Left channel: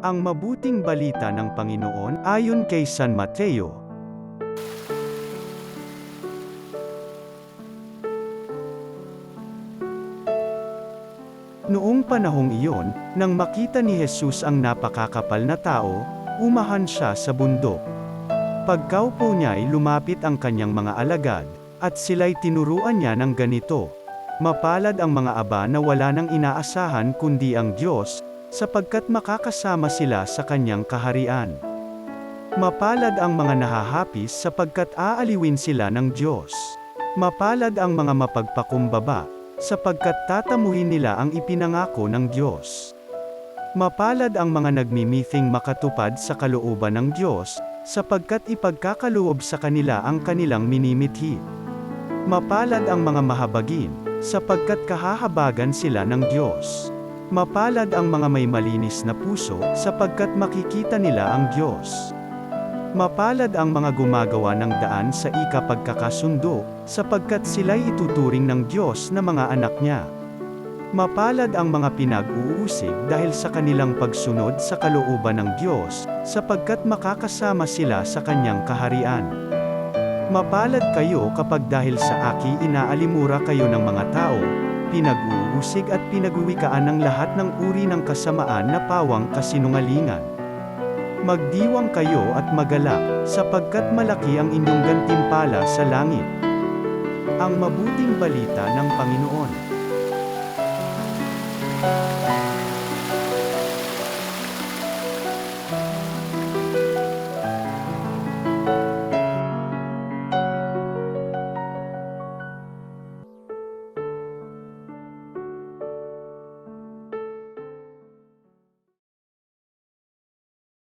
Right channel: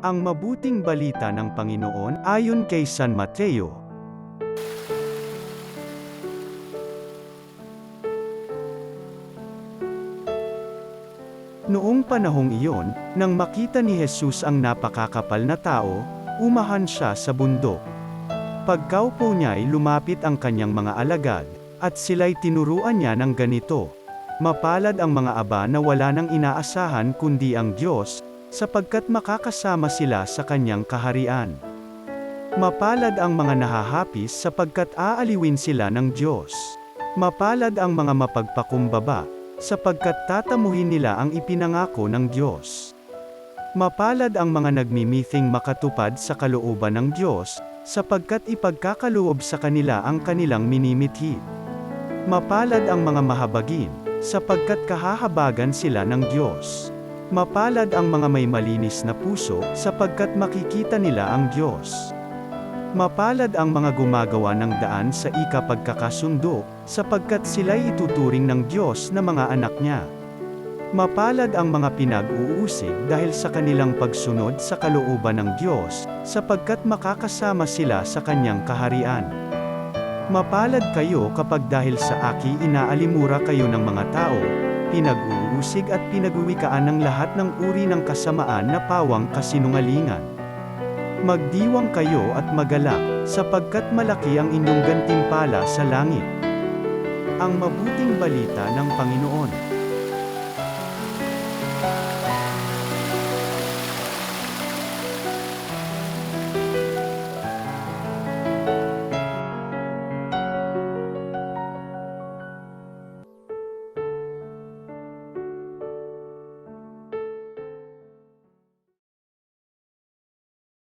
Ang mabuting balita ng Panginoon ayon kay San Mateo. Noong panahong iyon, nang makita ni Jesus ang napakakapal na tao, umahan siya sa bundok. Pagkaupo niya ay lumapit ang kanyang mga alagad, at sila'y tinuruan niya ng ganito. Mapalad ang mga aba na wala nang inaasahan kundi ang Diyos, sapagkat makakasama sila sa kanyang kaharian. Mapalad ang mga nahahapis sapagkat aaliwin sila ng Diyos. Mapalad ang mga mapagpakumbaba, sapagkat tatamuhin nila ang ipinangako ng Diyos. Mapalad ang mga nagmimithing makatupad sa kalooban ng Diyos, sapagkat ipagkakaloob sa kanila ang kanilang minimithi. Mapalad ang mga mahabagin, sapagkat kahahabagan sila ng Diyos. Mapalad ang mga may malinis na puso, sapagkat makikita nila ang Diyos. Mapalad ang mga gumagawa ng daan sa ikapagkakasundo, sapagkat sila'y ituturing ng Diyos na mga anak niya. Mapalad ang mga pinag-uusig dahil sa kanilang pagsunod sa kalooban ng Diyos, sapagkat makakasama sila sa kanyang kaharian. Mapalad kayo kapag dahil sa aki inaalimura kayo ng mga tao, pinag-uusig at pinagwiwikaan ng lahat ng uri ng kasamaan na pawang kasinungalingan. Magdiwang kayo at magalak, sapagkat malaki ang inyong gantimpala sa langit. Ang mabuting balita ng Panginoon.